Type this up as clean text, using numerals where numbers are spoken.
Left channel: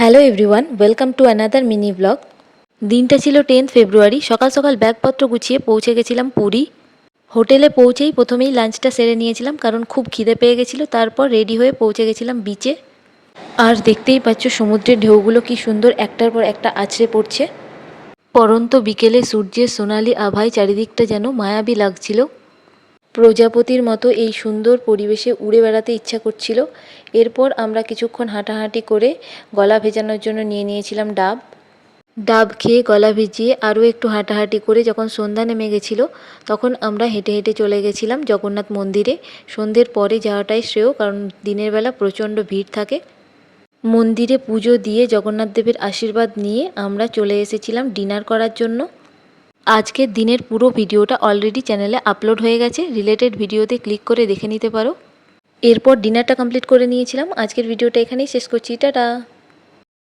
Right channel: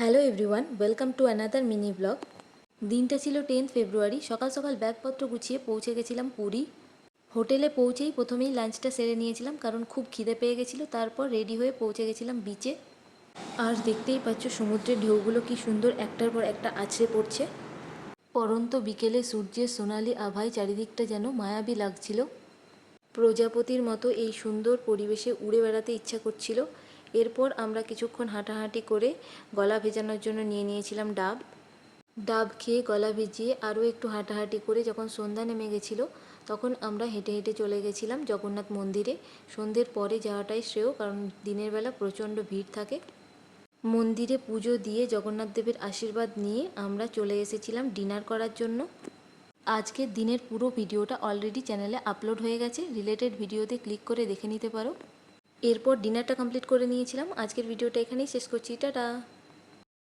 Hello everyone, welcome to another mini blog. দিনটা ছিল 10 ফেব্রুয়ারি। সকাল সকাল ব্যাগপত্র গুছিয়ে পৌঁছে গেছিলাম পুরী। হোটেলে পৌঁছেই প্রথমেই লাঞ্চটা সেরে নিয়েছিলাম, কারণ খুব খিদে পেয়ে গেছিলো। তারপর রেডি হয়ে পৌঁছে গেছিলাম বিচে। আর দেখতেই পাচ্ছ সমুদ্রের ঢেউগুলো কি সুন্দর একটার পর একটা আছড়ে পড়ছে। পরন্ত বিকেলে সূর্যের সোনালি আভায় চারিদিকটা যেন মায়াবী লাগছিল। প্রজাপতির মতো এই সুন্দর পরিবেশে উড়ে বেড়াতে ইচ্ছা করছিল। এরপর আমরা কিছুক্ষণ হাঁটাহাঁটি করে গলা ভেজানোর জন্য নিয়ে নিয়েছিলাম ডাব। ডাব খেয়ে গলা ভিজিয়ে আরও একটু হাঁটাহাঁটি করে যখন সন্ধ্যা নেমে গেছিলো, তখন আমরা হেঁটে হেঁটে চলে গেছিলাম জগন্নাথ মন্দিরে। সন্ধ্যের পরে যাওয়াটাই শ্রেয়, কারণ দিনের বেলা প্রচণ্ড ভিড় থাকে। মন্দিরে পুজো দিয়ে জগন্নাথ দেবের আশীর্বাদ নিয়ে আমরা চলে এসেছিলাম ডিনার করার জন্য। আজকের দিনের পুরো ভিডিওটা অলরেডি চ্যানেলে আপলোড হয়ে গেছে, রিলেটেড ভিডিওতে ক্লিক করে দেখে নিতে পারো। এরপর ডিনারটা কমপ্লিট করে নিয়েছিলাম। আজকের ভিডিওটা এখানেই শেষ করছি, টাটা।